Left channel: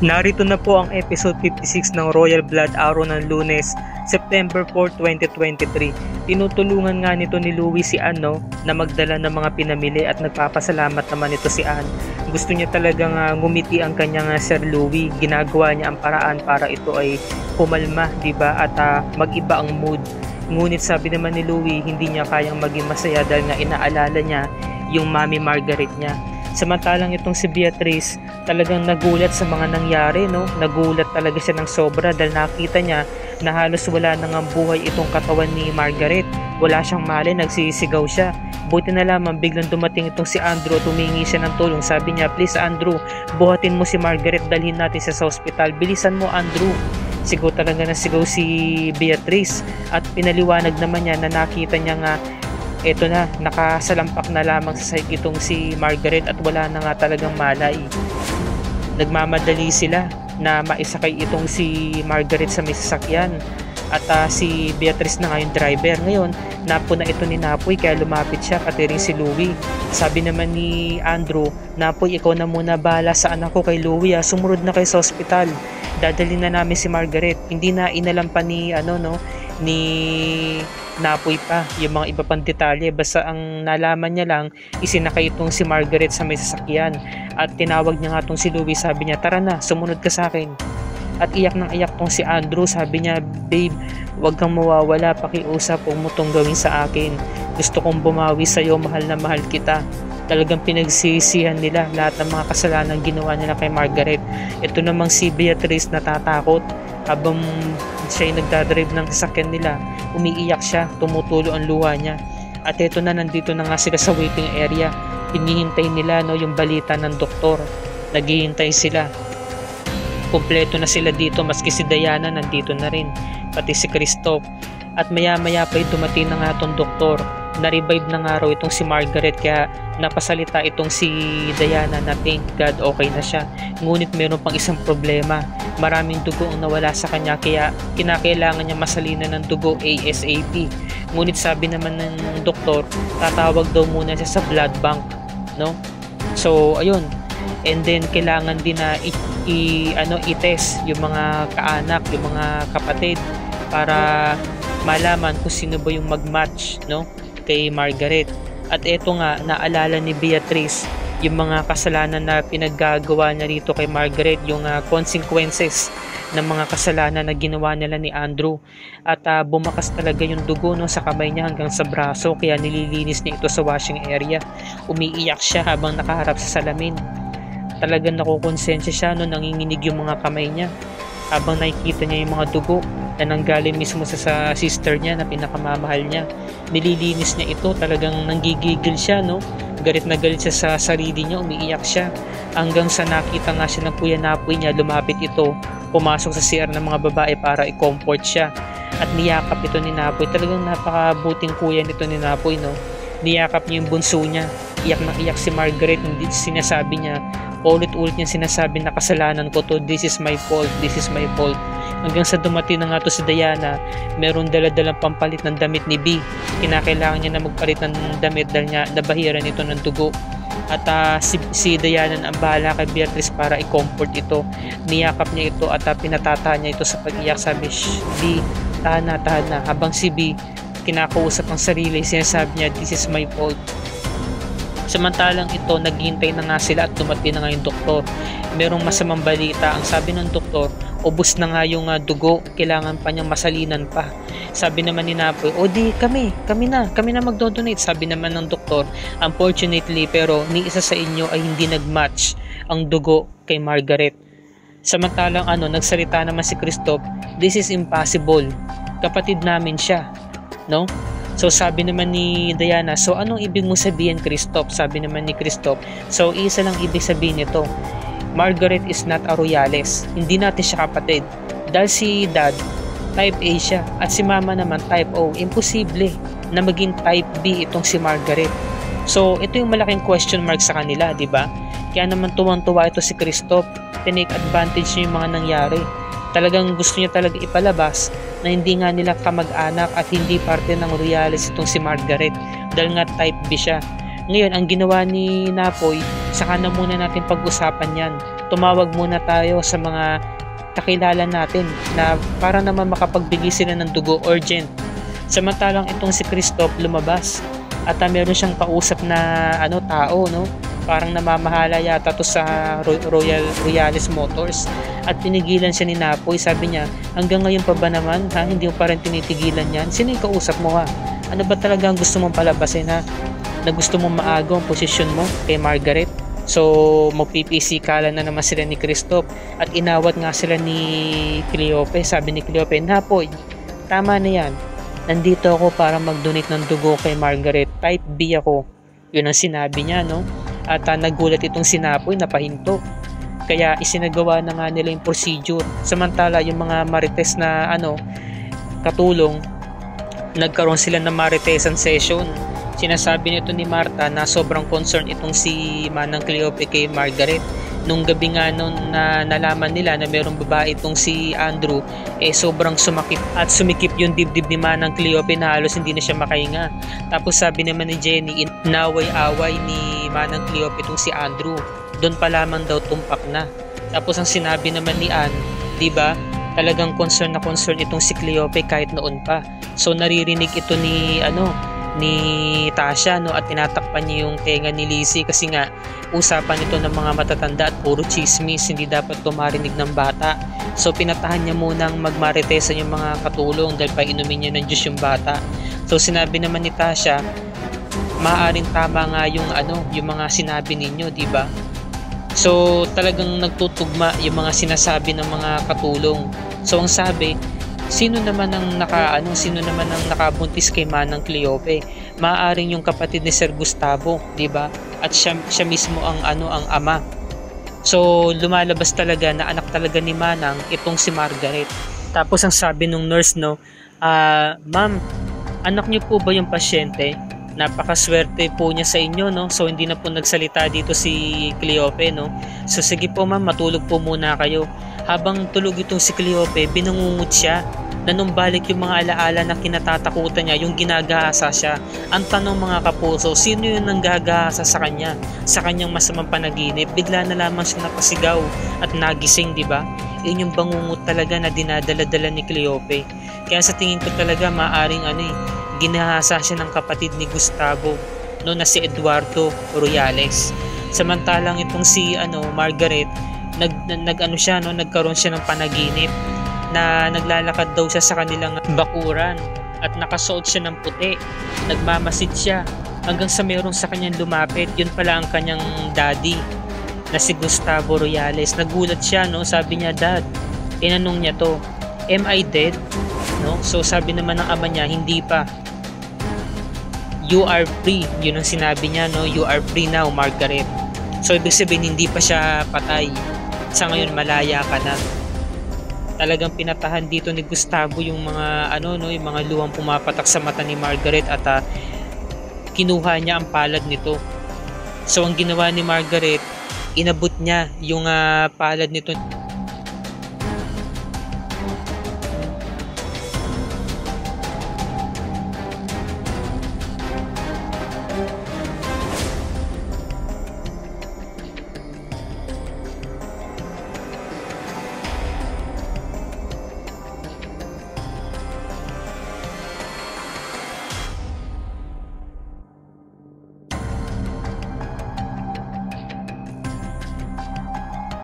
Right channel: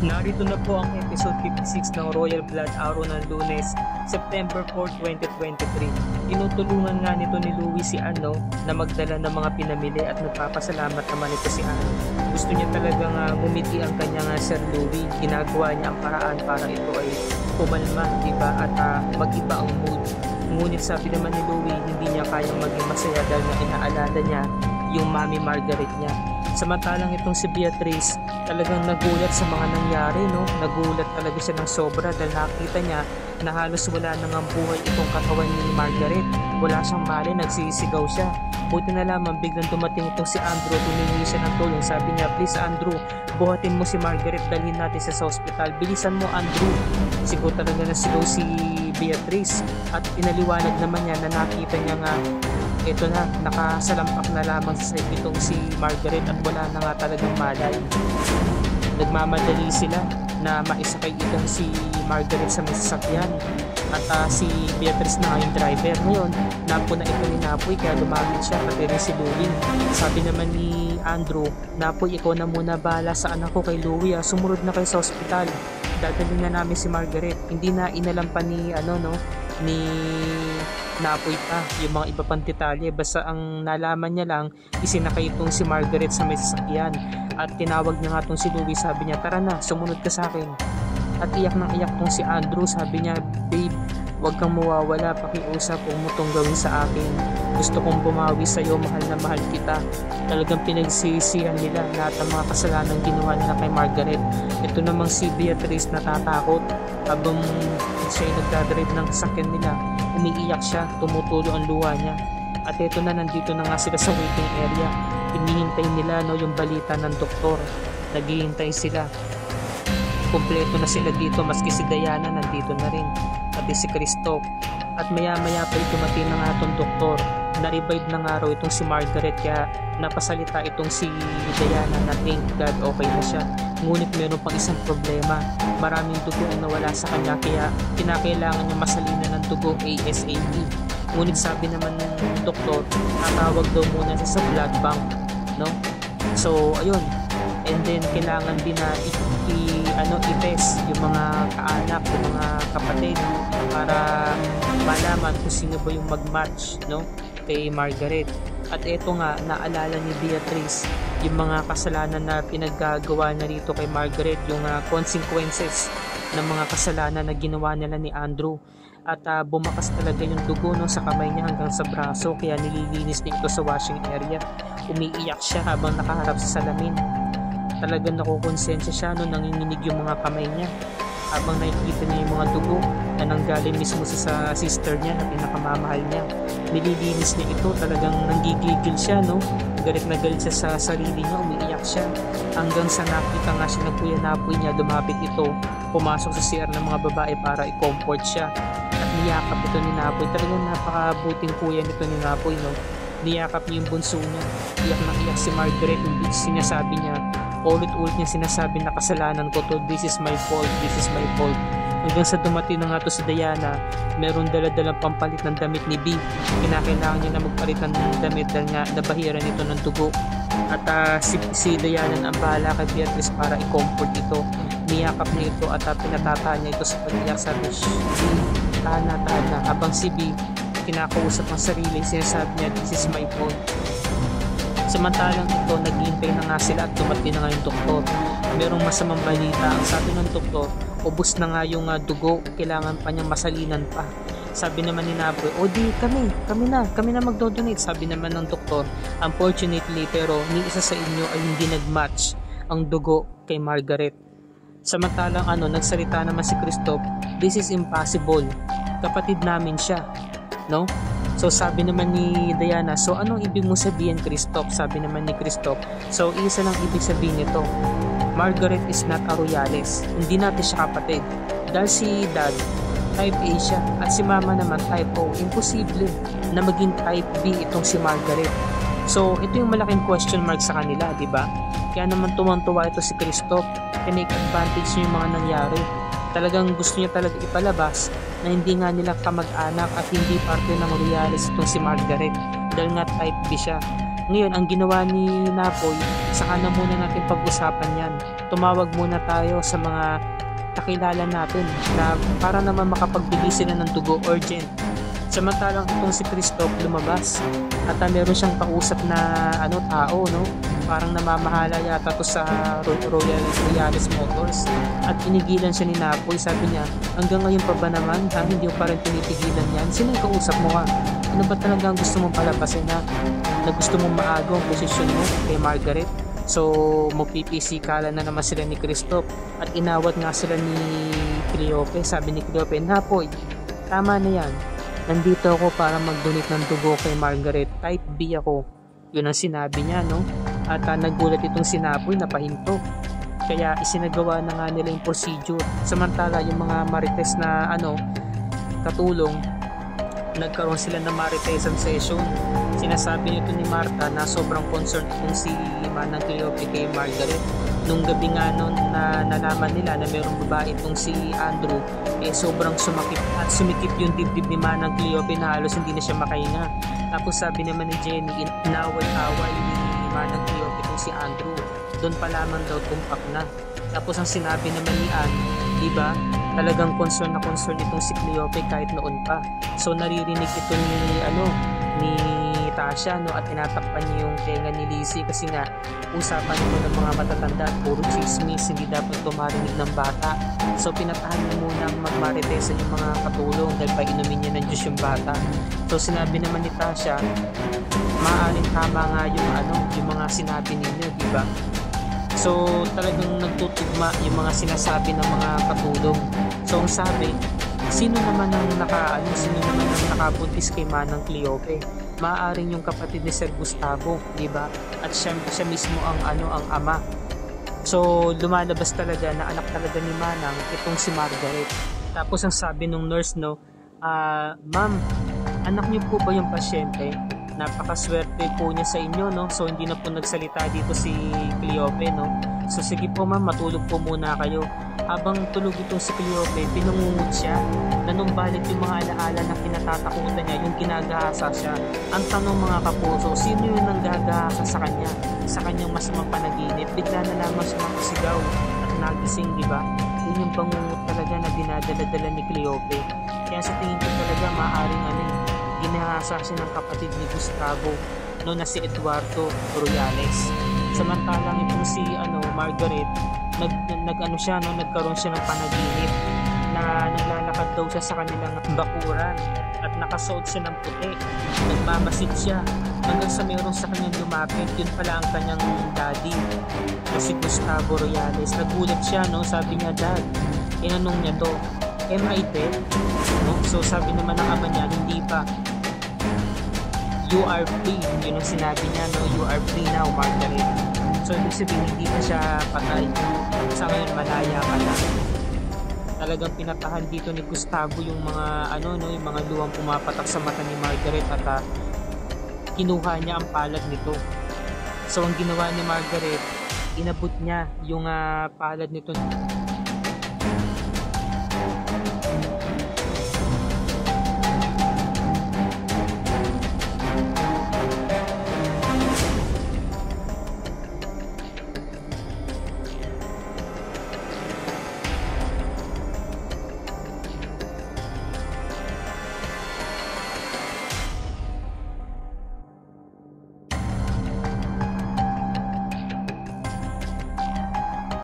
Narito na po ang episode 56 ng Royal Blood Araw ng Lunes, September 4, 2023. Tinutulungan nga nito ni Louie si Anne na magdala ng mga pinamili at nagpapasalamat naman ito si Anne. Gusto niya talagang ngumiti ang kanyang Sir Louie. Ginagawa niya ang paraan para ito ay pumalma, diba? At mag-iba ang mood. Ngunit sabi naman ni Louie, hindi niya kayang maging masaya dahil nga inaalala niya yung Mami Margaret niya. Samantalang itong si Beatrice talagang nagulat sa mga nangyari, no? Nagulat talaga siya ng sobra dahil nakita niya na halos wala nang ang buhay itong katawan ni Margaret. Wala siyang malay, nagsisigaw siya. Buti na lamang biglang dumating itong si Andrew at humingi siya ng tulong. Sabi niya, please Andrew, buhatin mo si Margaret, dalhin natin siya sa ospital. Bilisan mo Andrew. Sigaw talaga na sigaw si Beatrice at pinaliwanag naman niya na nakita niya nga eto na, nakasalampak na lamang sa sahig itong si Margaret at wala na nga talagang malay. Nagmamadali sila na maisakay itong si Margaret sa may sasakyan at si Beatrice na nga yung driver. Ngayon, napo na ito ni Napoy kaya lumapit siya, pati rin si Louie. Sabi naman ni Andrew, Napoy, ikaw na muna bahala sa anak ko kay Louie, sumunod na kayo sa ospital. Dadalhin na namin si Margaret. Hindi na inalam pa ni ni Napoy pa yung mga iba pang detalye, basta ang nalaman niya lang isinakay itong si Margaret sa may sasakyan at tinawag niya nga itong si Louie. Sabi niya, tara na, sumunod ka sa akin. At iyak ng iyak tong si Andrew. Sabi niya, babe, wag kang mawawala, pakiusap, huwag mo tong gawin sa akin. Gusto kong bumawi sa'yo, mahal na mahal kita. Talagang pinagsisihan nila lahat ng mga kasalanan ginawa nila kay Margaret. Ito namang si Beatrice natatakot habang siya ay nagdadrive ng sasakyan nila. Umiiyak siya, tumutulo ang luha niya. At ito na, nandito na nga sila sa waiting area. Hinihintay nila yung balita ng doktor. Naghihintay sila. Kumpleto na sila dito, maski si Diana nandito na rin, pati si Christoph. At maya maya pa dumating na nga itong doktor. Na-revive na nga raw itong si Margaret kaya napasalita itong si Diana na thank God okay na siya. Ngunit meron pang isang problema. Maraming dugo ang nawala sa kanya kaya kinakailangan niya masalinan ng dugo ASAP. Ngunit sabi naman ng doktor, tatawag daw muna siya sa blood bank, no? So ayun. And then kailangan din na i-test yung mga kaanak, yung mga kapatid para malaman kung sino ba yung mag-match, no, kay Margaret. At eto nga, naalala ni Beatrice yung mga kasalanan na pinaggagawa niya rito kay Margaret, yung consequences ng mga kasalanan na ginawa nila ni Andrew. At bumakas talaga yung dugo, no, sa kamay niya hanggang sa braso kaya nililinis niya ito sa washing area. Umiiyak siya habang nakaharap sa salamin. Talagang nakukonsensya siya, no, nanginginig yung mga kamay niya habang nakikita niya yung mga dugo na nanggaling mismo sa sister niya na pinakamamahal niya. Nililinis niya ito, talagang nanggigigil siya, no? Galit na galit siya sa sarili niya, umiiyak siya hanggang sa nakita nga siya ng Kuya Napoy niya. Lumapit ito, pumasok sa CR ng mga babae para i-comfort siya at niyakap ito ni Napoy. Talagang napakabuting kuya nito ni Napoy, no? Niyakap niya yung bunso niya. Iyak na iyak si Margaret. Hindi sinasabi niya, ulit-ulit niya sinasabi na kasalanan ko to, this is my fault, this is my fault. Hanggang sa dumating na nga to si Diana, meron dala-dalang pampalit ng damit ni B. Kinakailangan niya na magpalit ng damit dahil nga nabahiran ito ng dugo. At si Diana ang bahala kay Beatrice para i-comfort ito. Niyakap niya ito at pinatata niya ito sa pag-iyak. Sabi, B, tahan na. Habang si B, kinakausap ang sarili, sinasabi niya, this is my fault. Samantalang ito, naghihintay na nga sila at dumating na nga yung doktor. Merong masamang balita. Ang sabi ng doktor, ubos na nga yung dugo, kailangan pa niyang masalinan pa. Sabi naman ni Napoy, o di kami na magdodonate. Sabi naman ng doktor, unfortunately pero ni isa sa inyo ay hindi nagmatch ang dugo kay Margaret. Samantalang nagsalita naman si Christoph, this is impossible, kapatid namin siya, no? So sabi naman ni Diana, so anong ibig mo sabihin, Christoph? Sabi naman ni Christoph, so isa lang ibig sabihin nito, Margaret is not a Royales. Hindi natin siya kapatid. Dahil si Dad, type A siya, at si Mama naman type O. Imposible na maging type B itong si Margaret. So ito yung malaking question mark sa kanila, di ba? Kaya naman tuwang-tuwa ito si Christoph. Tinake advantage niya yung mga nangyari. Talagang gusto niya talaga ipalabas na hindi nga nila kamag-anak at hindi parte ng Royales itong si Margaret dahil nga type B siya. Ngayon, ang ginawa ni Napoy, saka na muna natin pag-usapan yan. tumawag muna tayo sa mga kakilala natin na para naman makapagbigay sila ng dugo, urgent. Samantalang itong si Christoph lumabas at meron siyang kausap na tao, no? Parang namamahala yata to sa Royales Motors at pinigilan siya ni Napoy. Sabi niya, hanggang ngayon pa ba naman ha? Hindi mo pa rin tinitigilan yan? Sino yung kausap mo ha? Ano ba talaga ang gusto mong palabasin ha? Na gusto mong maago ang posisyon mo kay Margaret? So magpipisikalan na naman sila ni Christoph at inawat nga sila ni Cleope. Sabi ni Cleope, Napoy, tama na yan. Nandito ako para mag-donate ng dugo kay Margaret. Type B ako. Yun ang sinabi niya, no? At nagulat itong si Napoy, napahinto. Kaya isinagawa na nga nila yung procedure. Samantala yung mga marites na katulong, nagkaroon sila ng maritesan session. Sinasabi nito ni Marta na sobrang concern itong si Manang Cleope kay Margaret. Nung gabi nga noon na nalaman nila na mayroong babae itong si Andrew, sobrang sumakit at sumikip yung dibdib ni Manang Cleope na halos hindi na siya makahinga. Tapos sabi naman ni Jenny, inaway-away ni Manang Cleope itong si Andrew. Doon pa lamang daw tumpak na. Tapos ang sinabi naman ni Anne, di ba? Talagang concern na concern itong si Cleope kahit noon pa. So naririnig ito ni Tasha, no, at tinatakpan niya yung tenga ni Lizzie kasi nga usapan ito ng mga matatanda at puro chismis, hindi dapat tumarinig ng bata. So pinatahan niya munang magmaritesan yung mga katulong dahil painumin niya ng Diyos yung bata. So sinabi naman ni Tasha, maaaring tama nga yung mga sinabi ninyo, di ba? So talagang nagtutugma yung mga sinasabi ng mga katulong. So ang sabi, sino naman ang nakabuntis kay Manang Cleope? Maaaring yung kapatid ni Sir Gustavo, 'di ba? At siya mismo ang ama. So lumalabas talaga na anak talaga ni Manang itong si Margaret. Tapos ang sabi nung nurse, no, ma'am, anak niyo po ba yung pasyente? Napakaswerte po niya sa inyo, no? So hindi na po nagsalita dito si Cleope, no? So sige po ma'am, matulog po muna kayo. Habang tulog itong si Cleope, binungungot siya. Nanumbalik yung mga alaala na kinatatakutan niya, yung ginagahasa siya. Ang tanong mga kapuso, sino yung nanggagahasa sa kanya? Sa kanyang masamang panaginip, bigla na lamang siya napasigaw at nagising, di ba? Yun yung bangungot talaga na dinadala-dala ni Cleope. Kaya sa tingin ko talaga maaring ginahasa siya ng kapatid ni Gustavo, no, na si Eduardo Royales. Samantalang itong si Margaret, nagkaroon siya ng panaginip na naglalakad daw siya sa kanilang bakuran at nakasuot siya ng puti. Nagmamasid siya hanggang sa meron sa kanyang lumapit. Yun pala ang kanyang daddy na si Gustavo Royales. Nagulat siya, no? Sabi niya, Dad, tinanong niya to, am I dead? No? So sabi naman ng ama niya, hindi pa. You are free. Yun ang sinabi niya, no? You are free now, Margaret. So ibig sabihin, hindi pa siya patay. Sa ngayon, malaya ka na. Talagang pinatahan dito ni Gustavo yung mga yung mga luwang pumapatak sa mata ni Margaret at kinuha niya ang palad nito. So ang ginawa ni Margaret, inabot niya yung palad nito